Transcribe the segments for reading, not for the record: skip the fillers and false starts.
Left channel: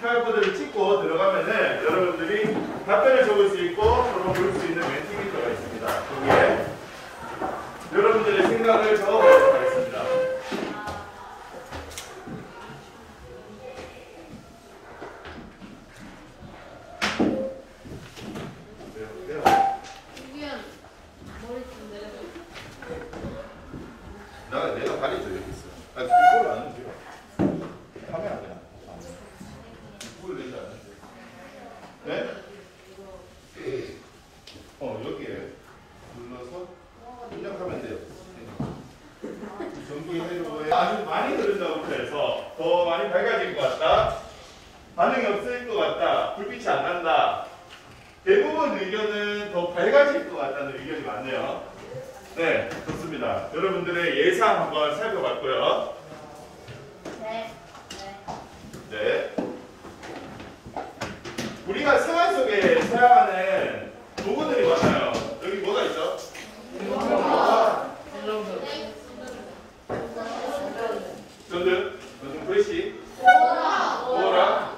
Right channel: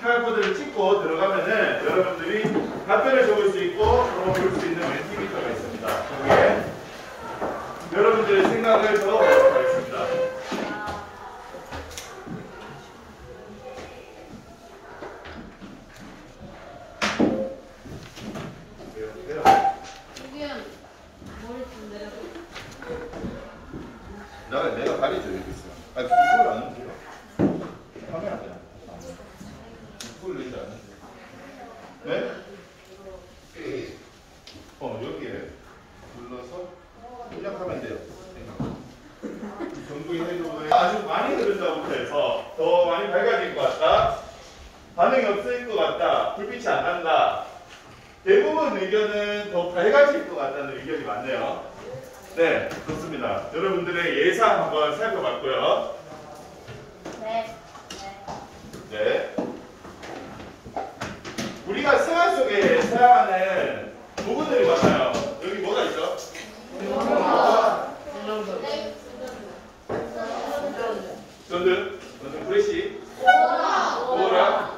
QR코드를 찍고 들어가면은 여러분들이 답변을 적을 수 있고 또는 볼 수 있는 멘티미터가 있습니다. 거기에 여러분들의 생각을 적어보도록 하겠습니다. 내가 가리죠 여기 있어. 아 이걸 안 해도 돼요. 카메라 그냥. 이걸 왜 안 해? 네? 여기에 눌러서 입력하면 돼요. 전기 회로에 아주 많이 흐른다고 해서 더 많이 밝아질 것 같다. 반응이 없을 것 같다. 불빛이 안 난다. 대부분 의견은 더 밝아질 것 같다는 의견이 많네요. 네, 좋습니다. 여러분들의 예상 한번 살펴봤고요. 네. 네. 우리가 생활 속에 사용하는 도구들이 많아요. 여기 뭐가 있죠? 전등, 브레시, 오라.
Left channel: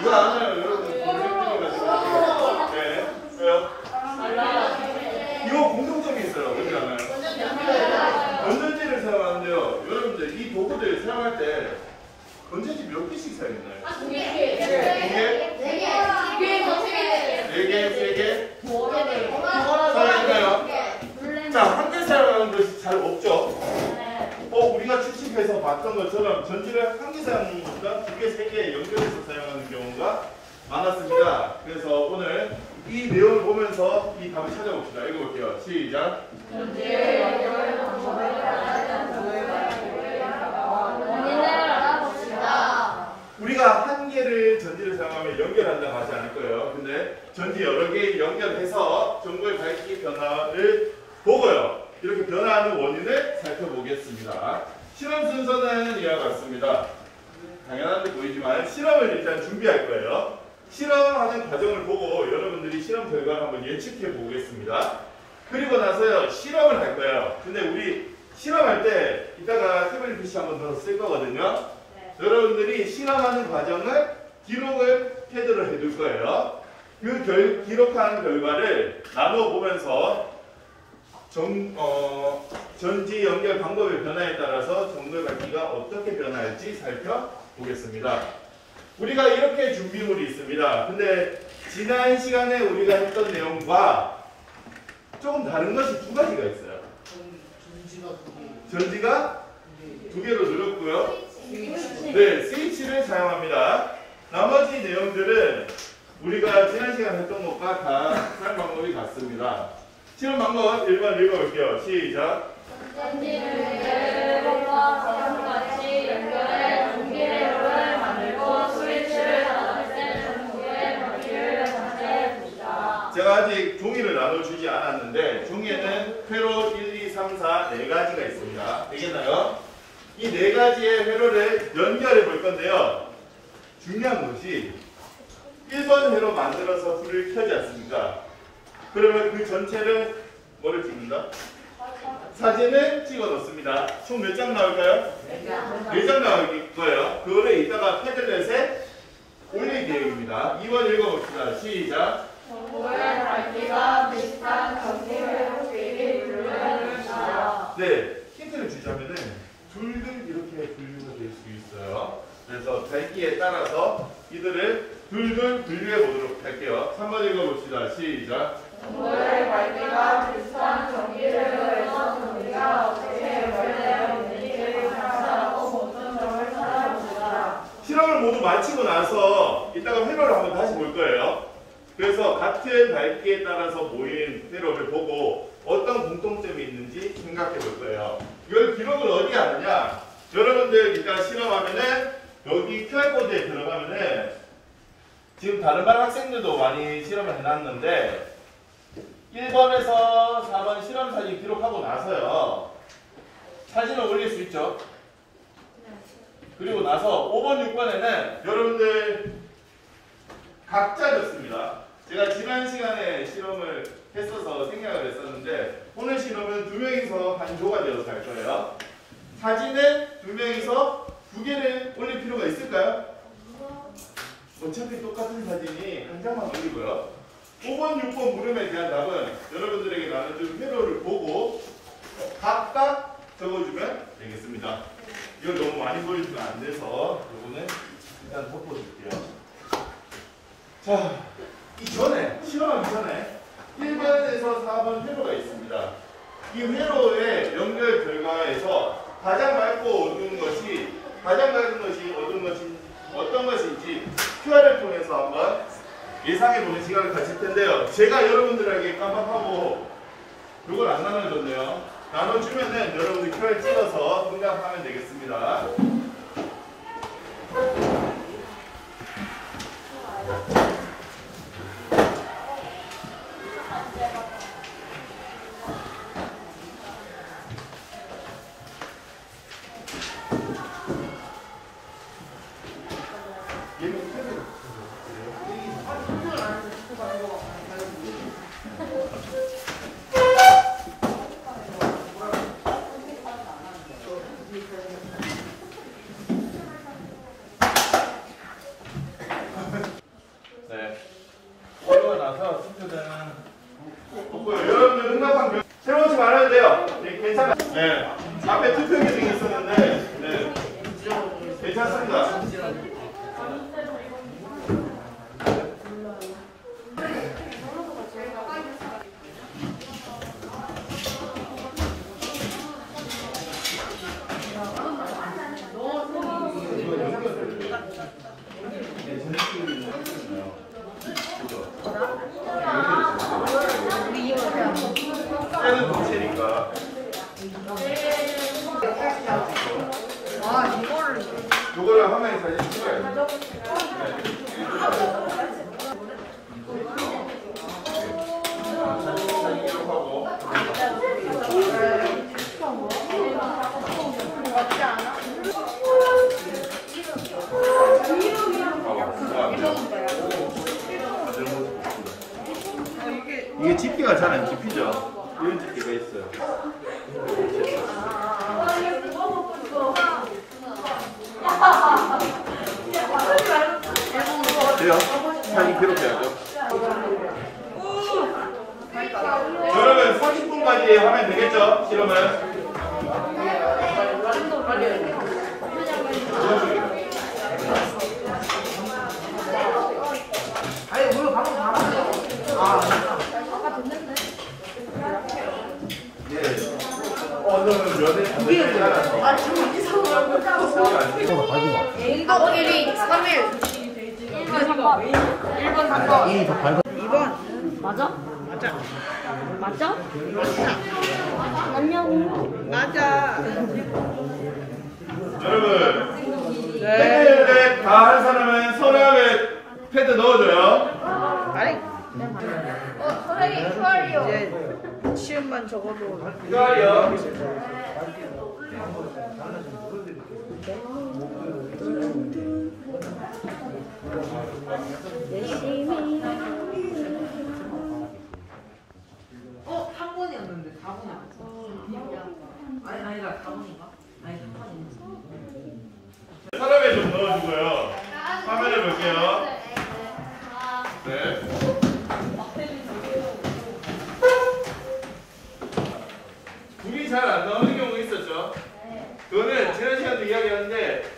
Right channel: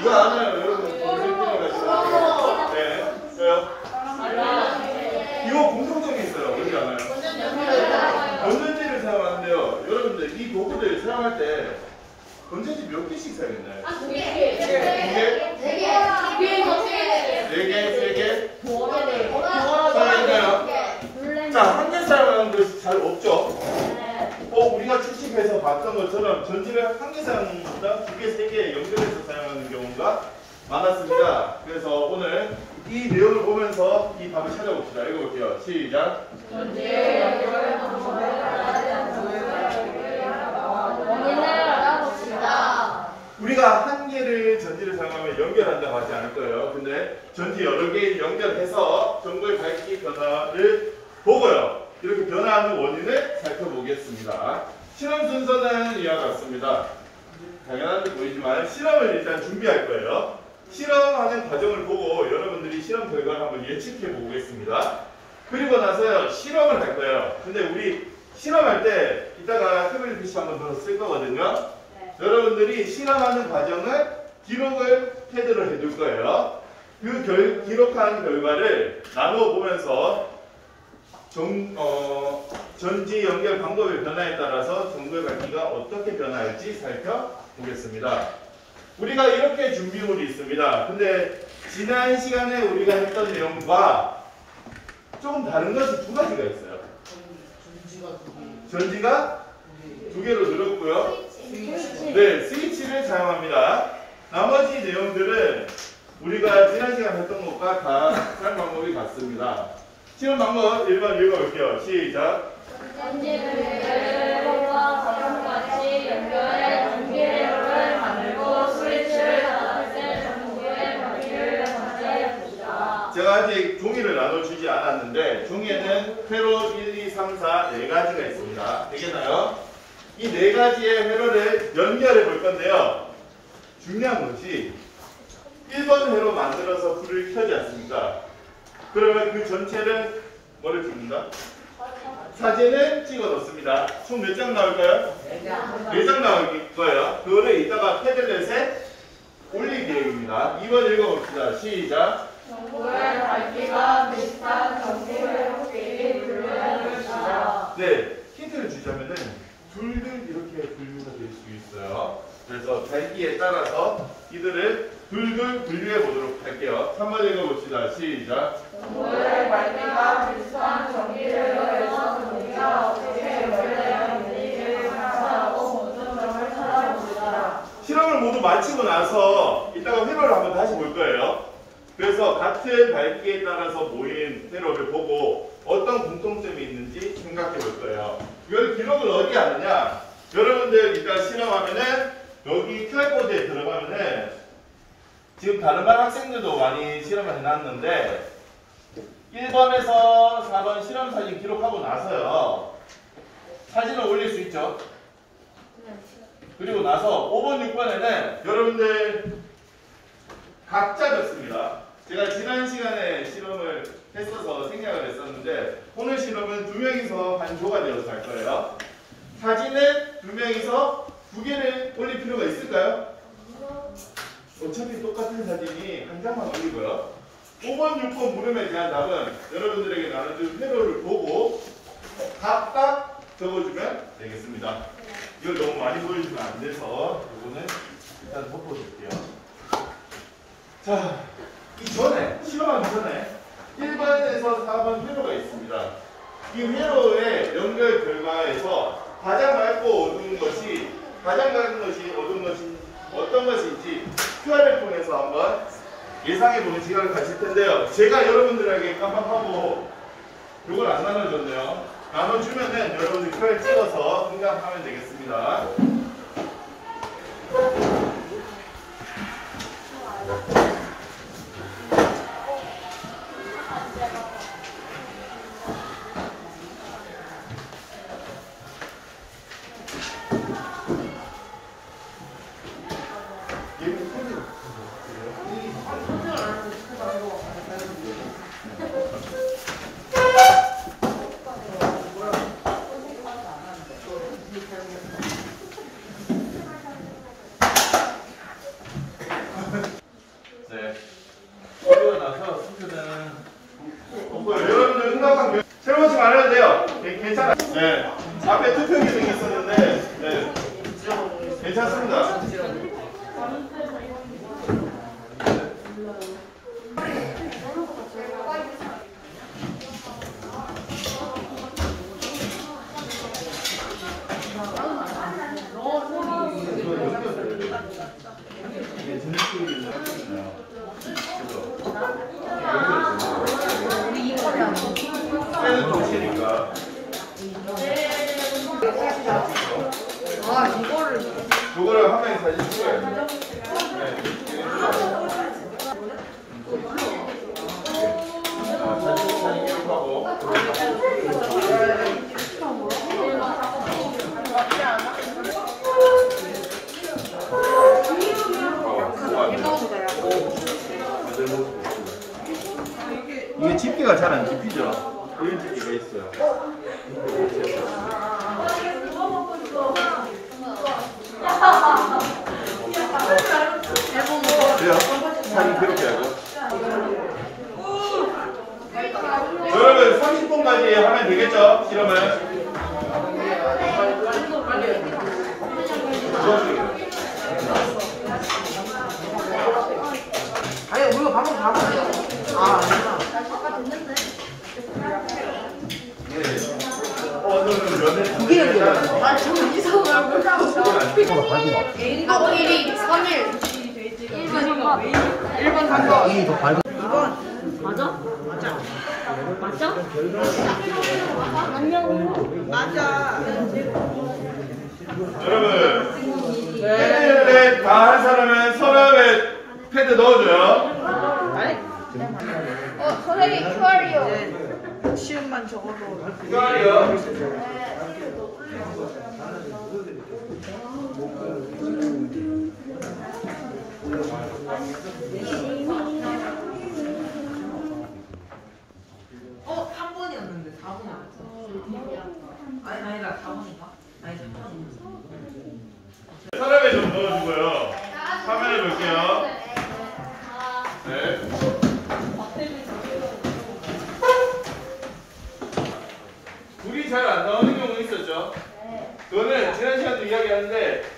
이거 아나요, 여러분? 네. 이거 공통점이 있어요. 뭔지 알아요? 건전지를 사용하는데요. 여러분들 이 도구들 사용할 때 건전지 몇 개씩 사용했나요? 두 개. 네 개, 세 개? 사용했나요? 자, 한 개 사용하는 것이 잘 없죠? 우리가 추측해서 봤던 것처럼 전지를 한 개 사용하는 것보다 두 개, 세 개 연결해서 사용하는 경우가 많았습니다. 그래서 오늘 이 내용을 보면서 이 답을 찾아봅시다. 읽어볼게요. 시작. 전지의 연결에서 원인을 알아봅시다. 우리가 한 개를 전지를 사용하면 연결한다고 하지 않을 거예요. 근데 전지 여러 개 연결해서 전구의 밝기 변화를 보고요. 이렇게 변화하는 원인을 살펴보겠습니다. 실험 순서는 이와 같습니다. 당연한 데 보이지만 실험을 일단 준비할 거예요. 실험하는 과정을 보고 여러분들이 실험 결과를 한번 예측해 보겠습니다. 그리고 나서요 실험을 할 거예요. 근데 우리 실험할 때 이따가 태블릿 PC 한번 더 쓸 거거든요. 네. 여러분들이 실험하는 과정을 기록을 패드로 해둘 거예요. 그 기록한 결과를 나눠 보면서 전지 연결 방법의 변화에 따라서 전구의 밝기가 어떻게 변화할지 살펴보겠습니다. 우리가 이렇게 준비물이 있습니다. 근데 지난 시간에 우리가 했던 내용과 조금 다른 것이 두 가지가 있어요. 전지가 두 개로 늘었고요. 네, 스위치를 사용합니다. 나머지 내용들은 우리가 지난 시간에 했던 것과 다 사용 방법이 같습니다. 실험 방법 1번 읽어볼게요. 시작. 전지를 1번과 같이 연결해 전기회로를 만들고 스위치를 닫았을 때 전구의 밝기를 변화해 봅시다. 제가 아직 종이를 나눠주지 않았는데 종이에는 회로 1, 2, 3, 4 4가지가 있습니다. 되겠나요? 이 4가지의 회로를 연결해 볼 건데요. 중요한 것이 1번 회로 만들어서 불을 켜지 않습니까? 그러면 그 전체를 뭐를 찍는다? 사진을 찍어 놓습니다. 총 몇 장 나올까요? 4장 나올 거예요. 그거를 이따가 패들렛에 올릴 계획입니다. 2번 읽어봅시다. 시작. 전구의 밝기가 비슷한 전기회로끼리 분류해봅시다. 네, 힌트를 주자면은 둘둘 이렇게 분류가 될 수 있어요. 그래서 밝기에 따라서 이들을 둘둘 분류해 보도록 할게요. 3번 읽어봅시다. 시작. 전구의 밝기가 비슷한 전기회로에서 전기가 어떻게 연결되어 있는지 관찰하고 모든 점을 찾아봅시다. 실험을 모두 마치고 나서 이따가 회로를 한번 다시 볼 거예요. 그래서 같은 밝기에 따라서 모인 회로를 보고 어떤 공통점이 있는지 생각해 볼 거예요. 이걸 기록을 어디에 하느냐? 여러분들 이따 실험하면은 여기 QR코드에 들어가면은 지금 다른 반 학생들도 많이 실험을 해놨는데 1번에서 4번 실험 사진 기록하고 나서요. 사진을 올릴 수 있죠. 그리고 나서 5번, 6번에는 여러분들 각자 적습니다. 제가 지난 시간에 실험을 했어서 생략을 했었는데 오늘 실험은 2명이서 한 조가 되어서 할 거예요. 사진은 2명이서 2개를 올릴 필요가 있을까요? 어차피 똑같은 사진이 한 장만 올리고요. 5번, 6번 물음에 대한 답은 여러분들에게 나눠준 회로를 보고 각각 적어주면 되겠습니다. 이걸 너무 많이 보여주면 안 돼서 이거는 일단 덮어줄게요. 자, 이전에 실험하기 전에 1번에서 4번 회로가 있습니다. 이 회로의 연결 결과에서 가장 맑고 어두운 것이 어떤 것인지 QR을 통해서 한번 예상해보는 시간을 가질 텐데요. 제가 여러분들에게 깜빡하고 이걸 안 나눠줬네요. 나눠주면은 여러분들 QR 찍어서 등장하면 되겠습니다. 네. 그러고 나서 순서는 없고요. 여러분들 생각한 새로운 책 안 해도 돼요. 네, 괜찮아요. 네. 앞에 투표 기능이 있었는데 네. 괜찮습니다. 는 도시니까. 그거를 화면에 사진 찍어야 돼. 사진 기록하고. 맞지 않아? 이게 집게가 잘 안 집히죠? 이런 집게가 있어요. 돼요? 사진 기록해야죠. 여러분 30분까지 하면 되겠죠? 실험을. 아니 우리가 방금 다 먹었어. 아 아니야. 이게 아 지금 이상한 걸 보다 밝은 것 같아. 인도 1위 3일 끝 1번 간다. 이게 더 밝은. 2번 맞아? 맞아. 맞아? 맞아. 여러분 패드를 다 한 사람은 서랍에 패드 넣어줘요. 아니 선생님 QR이요. 이제 시험만 적어도 QR이요. 한 번이었는데 4번이 안 했어. 아니다 4번인가? 아니 3번이었어. 서랍에 좀 넣어주고요. 화면을 볼게요. 네. 불이 잘 안 나오는 경우 있었죠? 그거는 지난 시간도 이야기하는데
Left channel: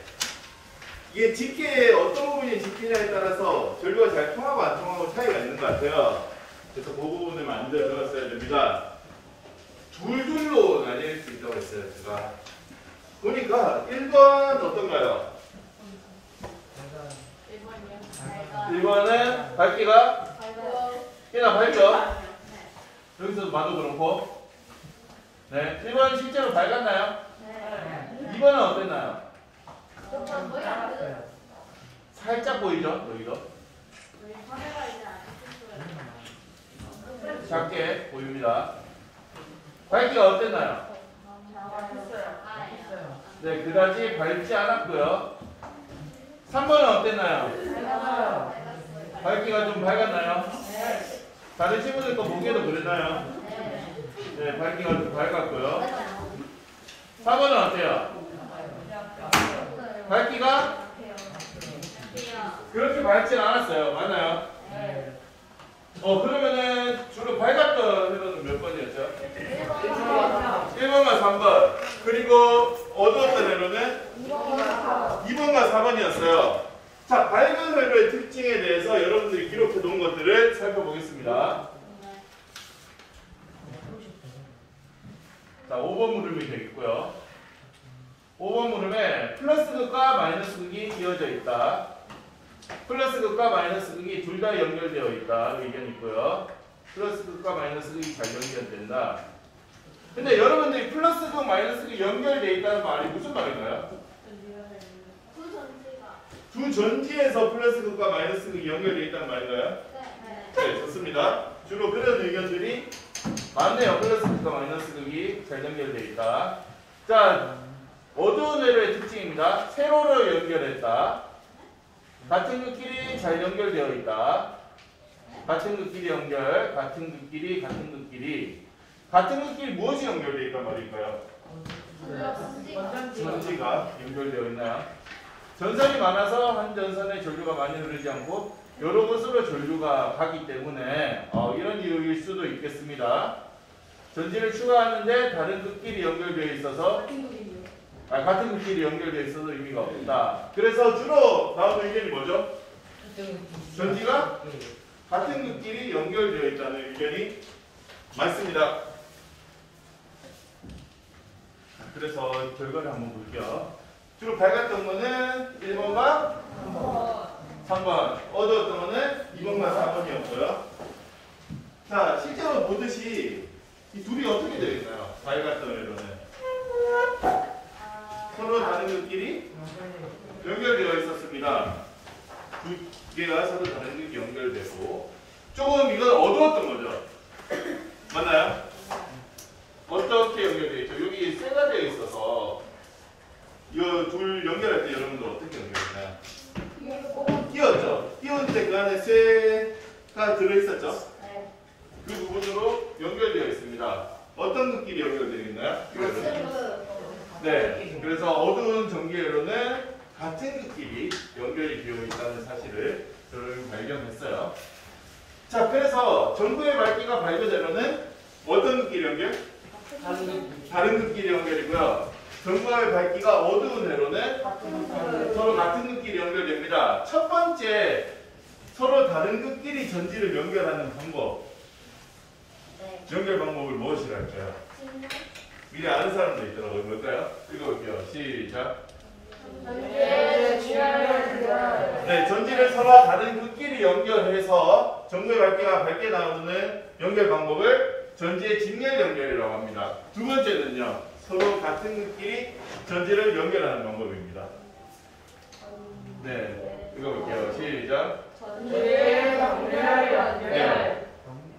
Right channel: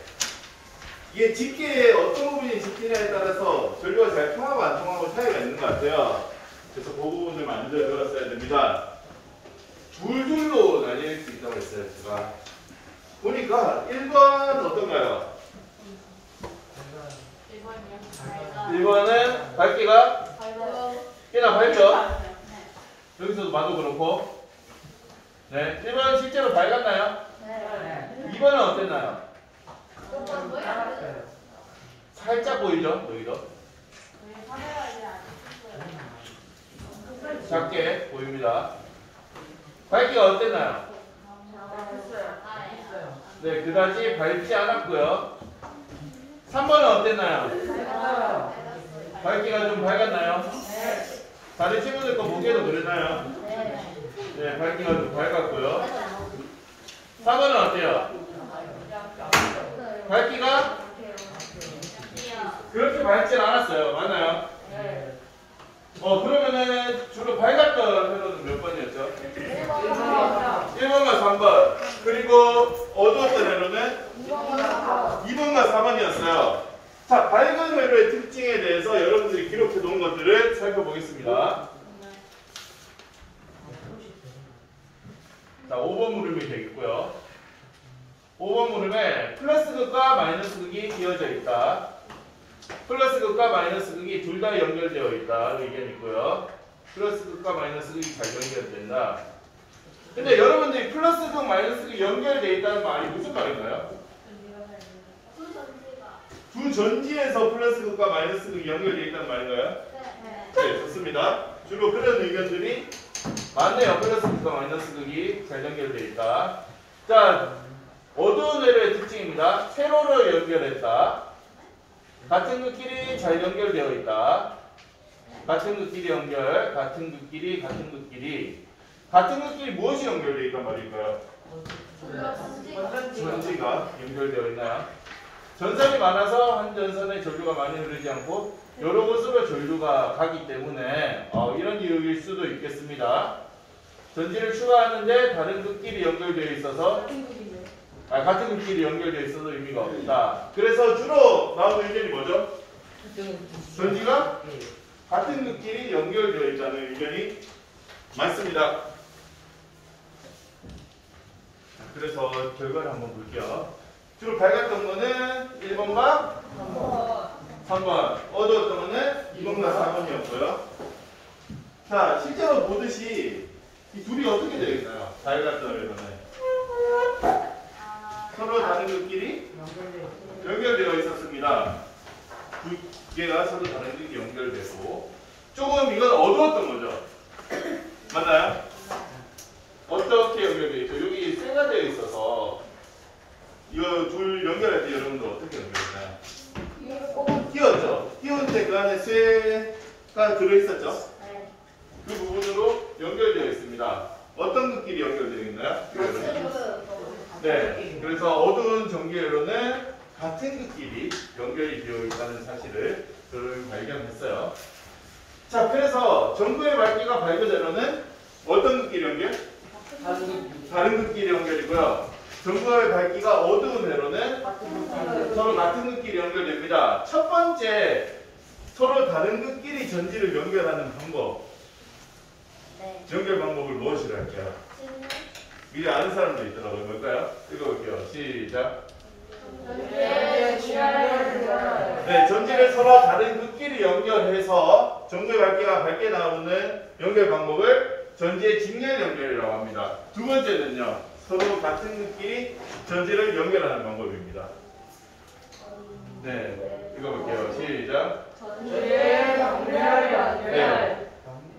이게 집게의 어떤 부분이 집히냐에 따라서 전류가 잘 통하고 안 통하고 차이가 있는 것 같아요. 그래서 그 부분을 만들어 들었어야 됩니다. 둘둘로 나뉠 수 있다고 했어요, 제가. 보니까 1번 어떤가요? 1번은 밝기가 꽤나 밝죠? 여기서도 봐도 그렇고. 네. 1번은 실제로 밝았나요? 네. 2번은 어땠나요? 살짝 보이죠? 여기도. 작게 보입니다. 밝기가 어땠나요? 네, 그다지 밝지 않았고요. 3번은 어땠나요? 밝기가 좀 밝았나요? 다른 친구들 거 보기에도 그랬나요? 네, 밝기가 좀 밝았고요. 4번은 어때요? 밝기가 그렇게 밝진 않았어요. 맞나요? 그러면은 주로 밝았던 회로는 몇 번이었죠? 1번과 3번. 그리고 어두웠던 회로는 2번과 4번이었어요. 자, 밝은 회로의 특징에 대해서 여러분들이 기록해 놓은 것들을 살펴보겠습니다. 자, 5번 무릎이 되겠고요. 5번 무릎에 플러스 극과 마이너스 극이 이어져 있다. 플러스 극과 마이너스 극이 둘 다 연결되어 있다. 의견이 있고요. 플러스 극과 마이너스 극이 잘 연결된다. 근데 여러분들이 플러스 극, 마이너스 극이 연결되어 있다는 말이 무슨 말인가요? 두 전지에서 플러스 극과 마이너스 극이 연결되어 있다는 말인가요? 네, 좋습니다. 주로 그런 의견들이 많네요. 플러스 극과 마이너스 극이 잘 연결되어 있다. 자, 어두운 회로의 특징입니다. 세로로 연결했다. 같은 극끼리 잘 연결되어 있다. 같은 극끼리 연결, 같은 극끼리, 같은 극끼리. 같은 극끼리 무엇이 연결되어 있단 말일까요? 전지가 연결되어 있나요? 전선이 많아서 한 전선에 전류가 많이 흐르지 않고 여러 곳으로 전류가 가기 때문에 이런 이유일 수도 있겠습니다. 전지를 추가하는데 다른 극끼리 연결되어 있어서 같은 극끼리 연결되어 있어도 의미가 없다. 그래서 주로 나오는 의견이 뭐죠? 전지가 같은 극끼리 연결되어 있다는 의견이 많습니다. 그래서 결과를 한번 볼게요. 주로 밝았던 거는 1번과 3번, 어두웠던 거는 2번과 4번이었고요. 자, 실제로 보듯이 이 둘이 어떻게 되어 있나요? 밝았던 회로는 서로 다른 극끼리 연결되어 있었습니다. 두 개가 서로 다른 극이 연결되고 조금 이건 어두웠던 거죠. 맞나요? 어떻게 연결되어 있죠? 여기 쇠가 되어 있어서 이거 둘 연결할 때 여러분들 어떻게 연결했나요? 끼웠죠? 끼울 때 그 안에 쇠가 들어있었죠? 그 부분으로 연결되어 있습니다. 어떤 극끼리 연결되어 있나요? 네, 그래서 어두운 전기회로는 같은 극끼리 연결이 되어 있다는 사실을 저는 발견했어요. 자, 그래서 전구의 밝기가 밝은 회로는 어떤 극끼리 연결? 다른 극끼리 연결이고요. 전구의 밝기가 어두운 회로는 서로 같은 극끼리 연결됩니다. 첫 번째, 서로 다른 극끼리 전지를 연결하는 방법. 연결 방법을 무엇이라 할까요? 미리 아는 사람도 있더라고요. 뭘까요? 읽어볼게요. 시작. 네, 전지를 서로 다른 극끼리 연결해서 전구의 밝기가 밝게 나오는 연결 방법을 전지의 직렬 연결이라고 합니다. 두 번째는요, 서로 같은 극끼리 전지를 연결하는 방법입니다. 네, 읽어볼게요. 시작. 네,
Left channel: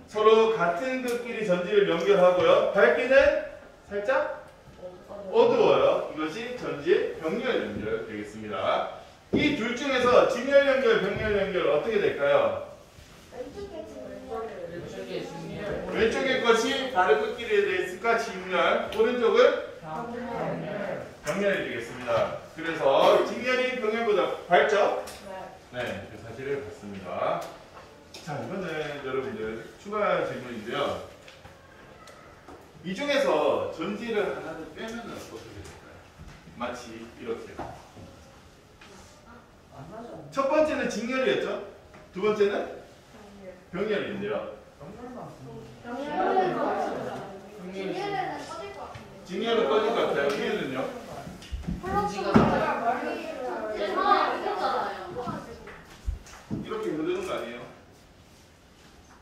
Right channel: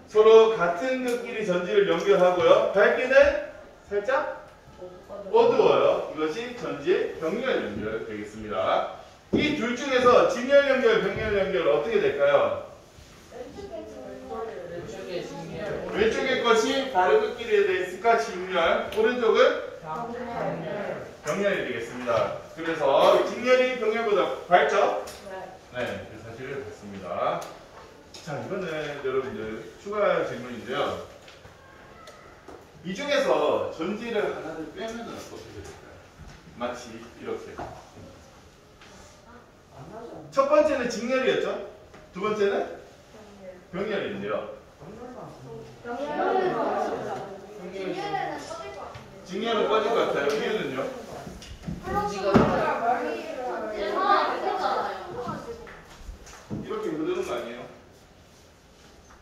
서로 같은 극끼리 전지를 연결하고요. 밝기는 살짝 어두워요. 이것이 전지의 병렬 연결 되겠습니다. 이 둘 중에서 직렬 연결, 병렬 연결 어떻게 될까요? 왼쪽의 것이 다른 극끼리에 대해 있을까? 직렬. 오른쪽은 병렬이 되겠습니다. 그래서 직렬이 병렬보다 밝죠? 네, 그 사실을 봤습니다. 자, 이거는 여러분들 추가 질문인데요. 이 중에서 전지를 하나를 빼면 어떻게 될까요? 마치 이렇게. 첫 번째는 직렬이었죠? 두 번째는 병렬인데요. 직렬은 꺼질 것 같아요. 이유는요? 이렇게 흐르는 거 아니에요?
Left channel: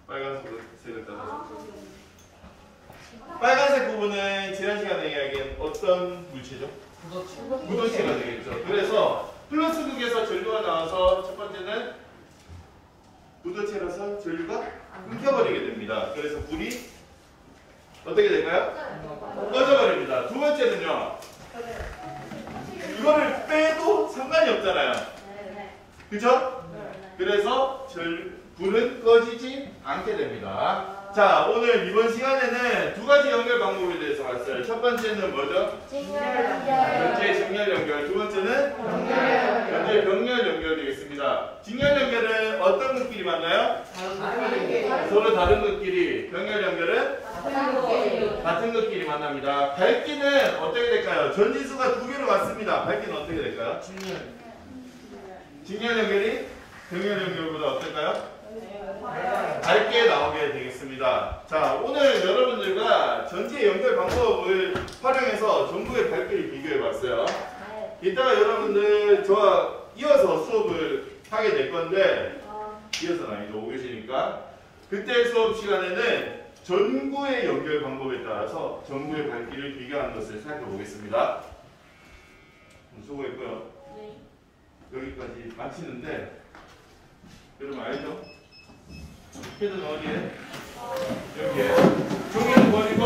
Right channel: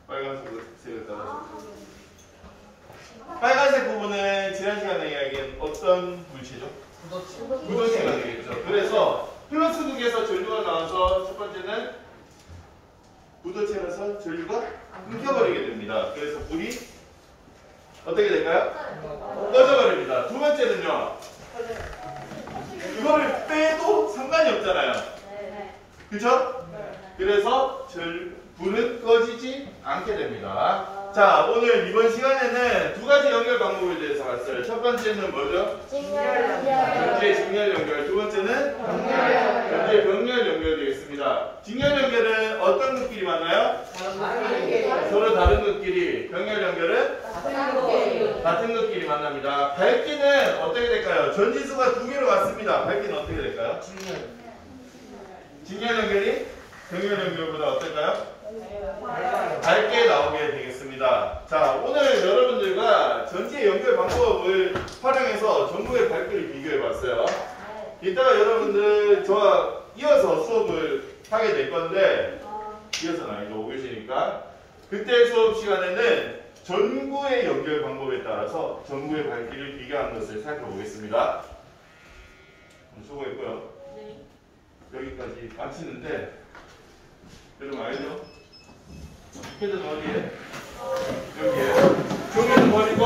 빨간색을 따라서. 빨간색 부분은 지난 시간에 이야기한 어떤 물체죠? 무도체가 되겠죠. 그래서 플러스 극에서 전류가 나와서 첫 번째는 무도체라서 전류가 끊겨버리게 됩니다. 그래서 불이 어떻게 될까요? 꺼져버립니다. 두 번째는요. 이거를 빼도 상관이 없잖아요. 그죠? 그래서 불은 꺼지지 않게 됩니다. 자, 오늘 이번 시간에는 두 가지 연결 방법에 대해서 봤어요. 첫 번째는 뭐죠? 전체 직렬 연결. 두 번째는 전체 병렬 연결 되겠습니다. 직렬 연결은 어떤 것끼리 만나요? 서로 다른 것끼리. 병렬 연결은 같은 것끼리 만납니다. 밝기는 어떻게 될까요? 전지수가 두 개로 왔습니다. 밝기는 어떻게 될까요? 직렬 연결이 병렬 연결보다 어떨까요? 밝게 나오게 되겠습니다. 자, 오늘 여러분들과 전체 연결 방법을 활용해서 전국의 밝기를 비교해 봤어요. 이따가 여러분들 저와 이어서 수업을 하게 될 건데, 이어서는 아니죠, 5교시니까. 그때 수업 시간에는 전구의 연결 방법에 따라서 전구의 밝기를 비교하는 것을 살펴보겠습니다. 수고했고요. 여기까지 마치는데, 여러분 알죠? 헤드는 어디에? 여기에. 종이를 버리고